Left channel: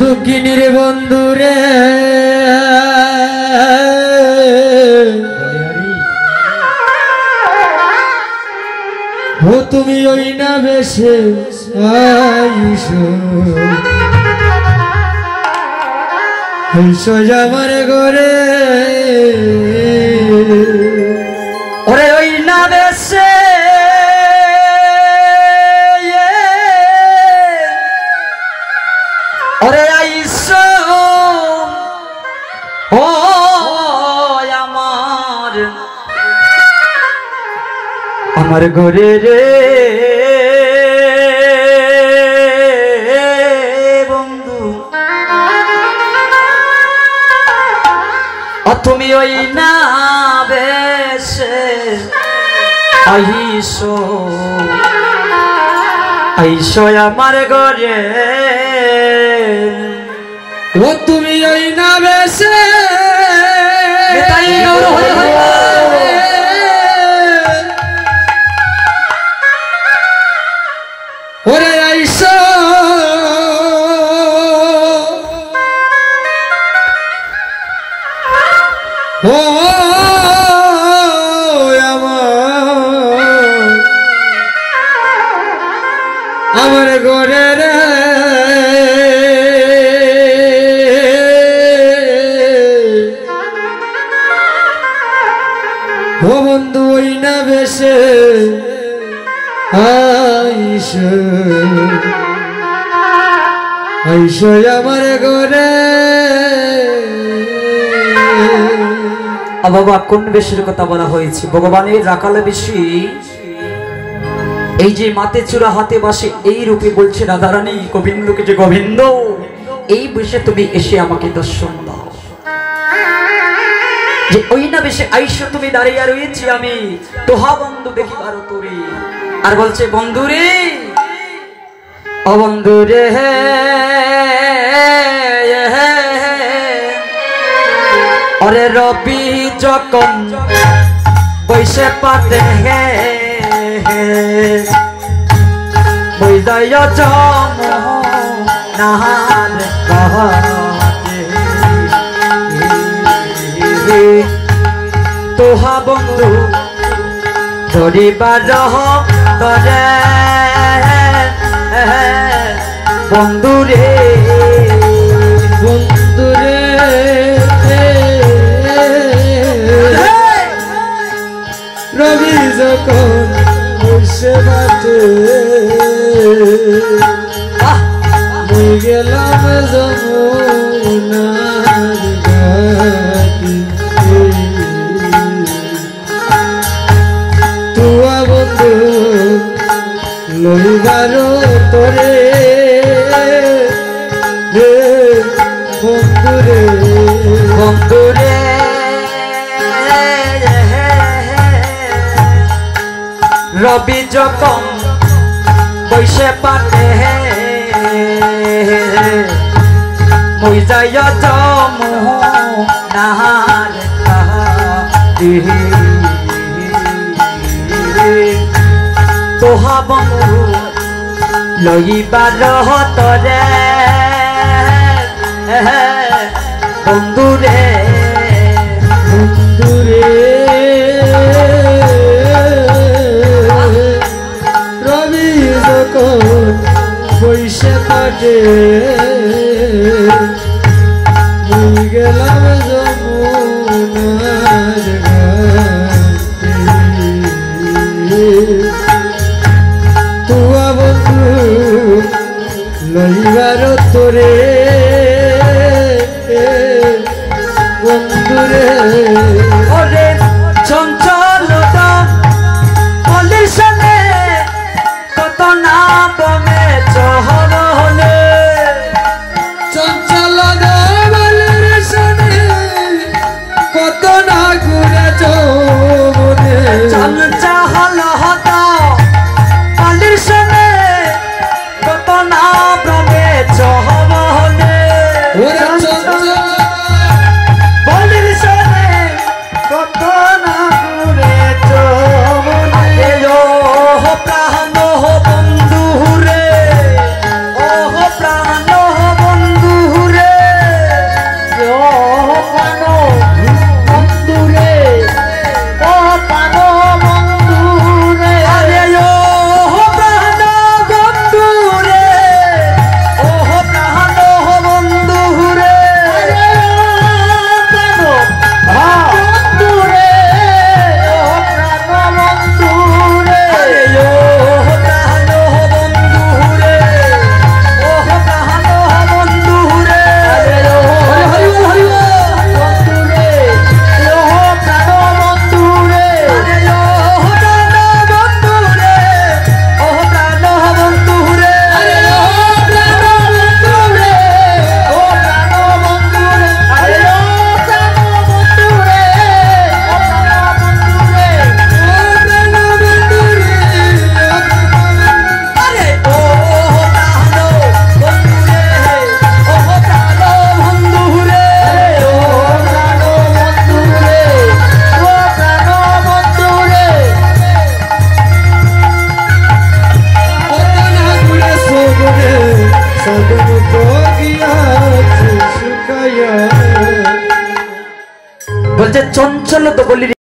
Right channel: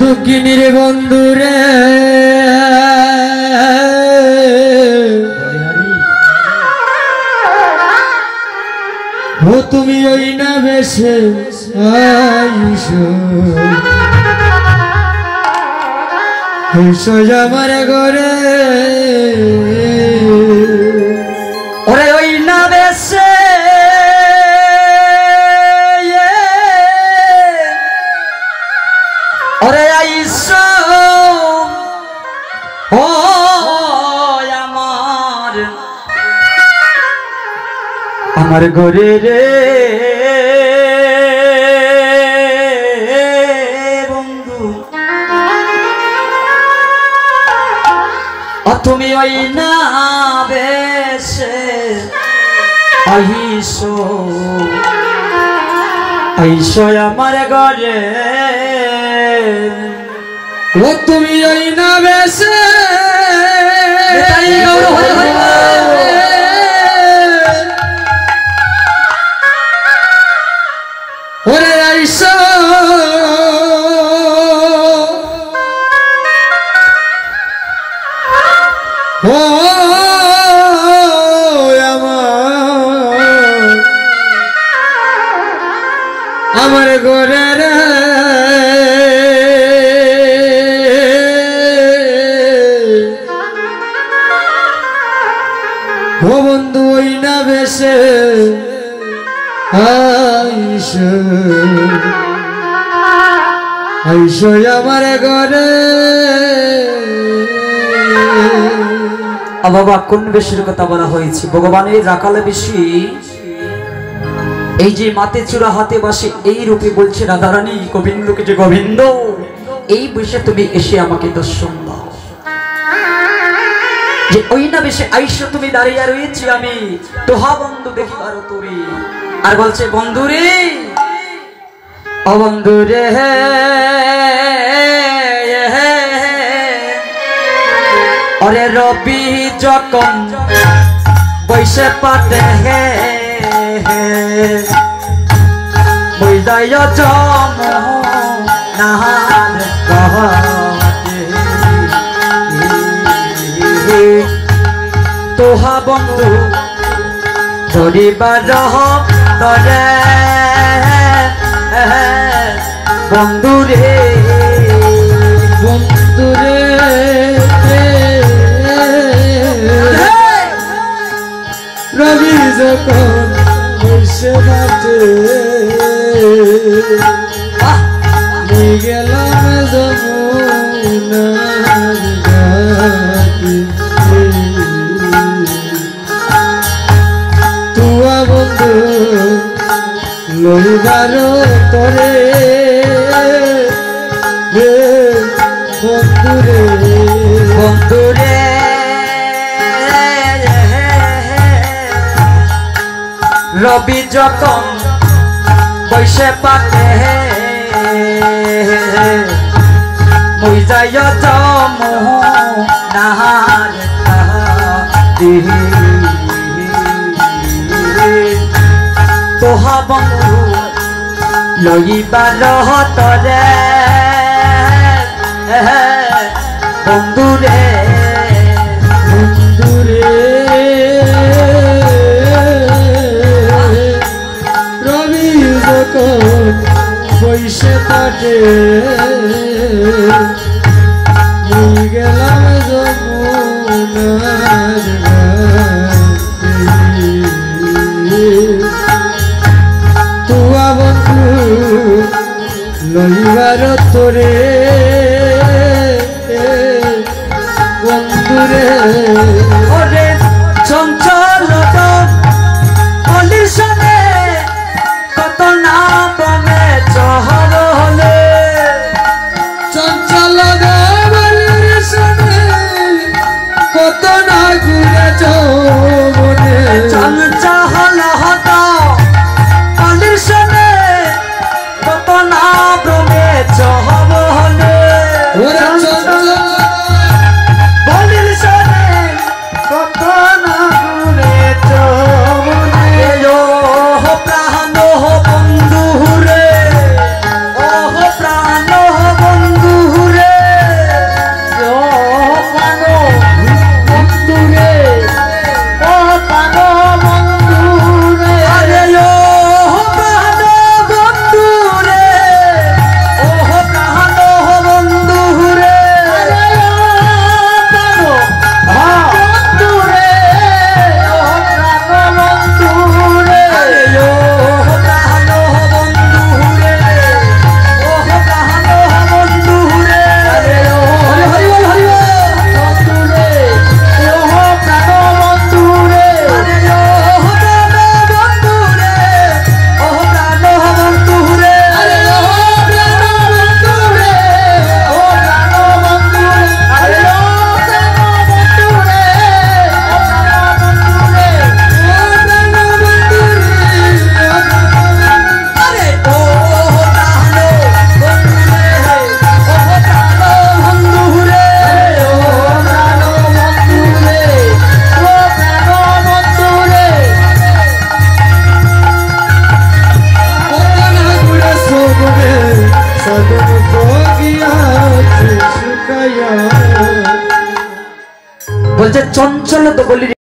দুঃখিনীর বন্ধুরে ও তুমি ওই না বেশে আইসো আমার ঘরে ওরে ওই না বেশে ওরে আইসো ও আমার ঘরে রে বন্ধু তুমি ওই না বেশে আইসো আইসো আমার ঘরে ও তুমি ওই না বেশে ওরে আইসো ও আমার ঘরে রে ও বন্ধু ওই না বেশে আইসো আইসো আমার ঘরে বাবা কোন বেশির কথা বলা হয়েছে ভগবানের রাখালে বেশি এই যে মাতে চূড়া হাতে বসে এই রূপে বলছে রাধারানী গোবিন্দকে যে গোবিন্দ এই বসে তুমি এসে আমাকে দর্শন দাও যে ওই না বেশে আইসো তুমি দাঁড়িয়ে রয়েছি আমি তোহা বন্ধু দেখি পারো তোরে আর বলছে বন্ধু রে ও বন্ধু রে অরে রবি যখন বৈশে পাতে হে বৈদায় জম নাহার তোহা বন্ধু ধরিবার তরে বন্ধু রে বন্ধু রে রবি যখন বসে বাটে গেলাম যমুনার ঘাটে তুয়া বন্ধু লইবার তোরে বন্ধু রে বন্ধু রে রবি যখন বৈশে পাতে মই যাইয়া জম নাহার তোহা বন্ধু লইবার তরে বন্ধু রে বন্ধু রে রবি যখন বৈশে কাটে গেলাম যমুনার ঘাটে তুয়া বন্ধু লইবার তোরে বন্ধু রে ওরে চঞ্চল পলিশনে কত না বমে চহর হলে চঞ্চল কত না ঘুরে চৌবনে চঞ্চল হত পলিশনে কত না বমে চহর হলে কত না ঘুরে চৌবনে প্রাণ বন্ধু রে ও যে চঞ্চল তো বলি